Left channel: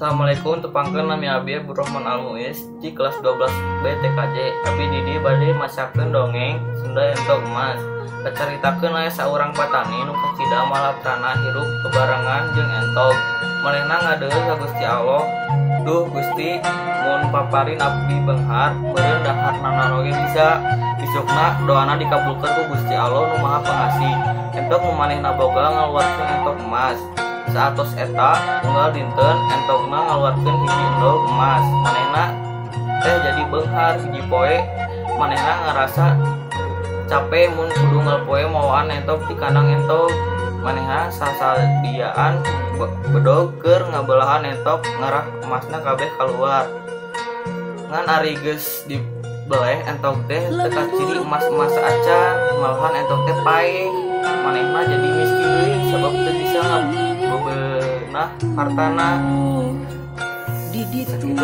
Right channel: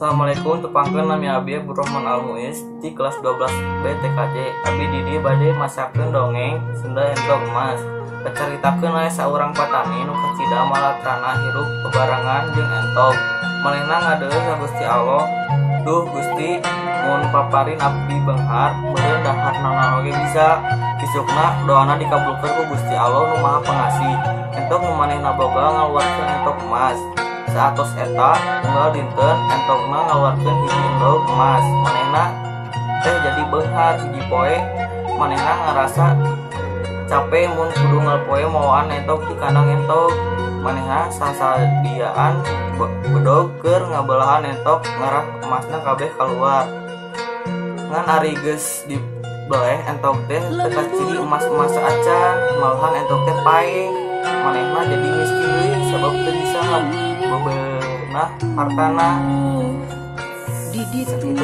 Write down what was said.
Assalamualaikum, tepangkeun nami abdi Burukman Al-Muiz di kelas 12 BTKJ. Abdi di dieu bade masakeun dongeng Sunda Endog Mas. Pacaritakeun aya saurang patani nu kacida malaktana hirup bebarengan jeung entok. Manehna ngadeung ka Gusti Allah. Duh Gusti, mun paparin abdi beunghar, mudah-mudahan nanoge bisa isukna doana dikabulkeun ku Gusti Allah nu Maha Pengasih. Entok nu manehna boga ngaluarkeun entok emas. Saatos eta ngalinkeun entokna ngaluarkeun entok emas. Manehna jadi beunghar di poe manehna ngarasa capek mun kudu poe moal entok di kandang entok. Manehna sasadiaan bedog keur ngabelahan entok ngarah emasna kabeh kaluar. Ngan ari geus dibeleh entok teh kecil emas-emas acan malahan entok teh pae. Manehna jadi miskin sabab teu bisa hartana di ditu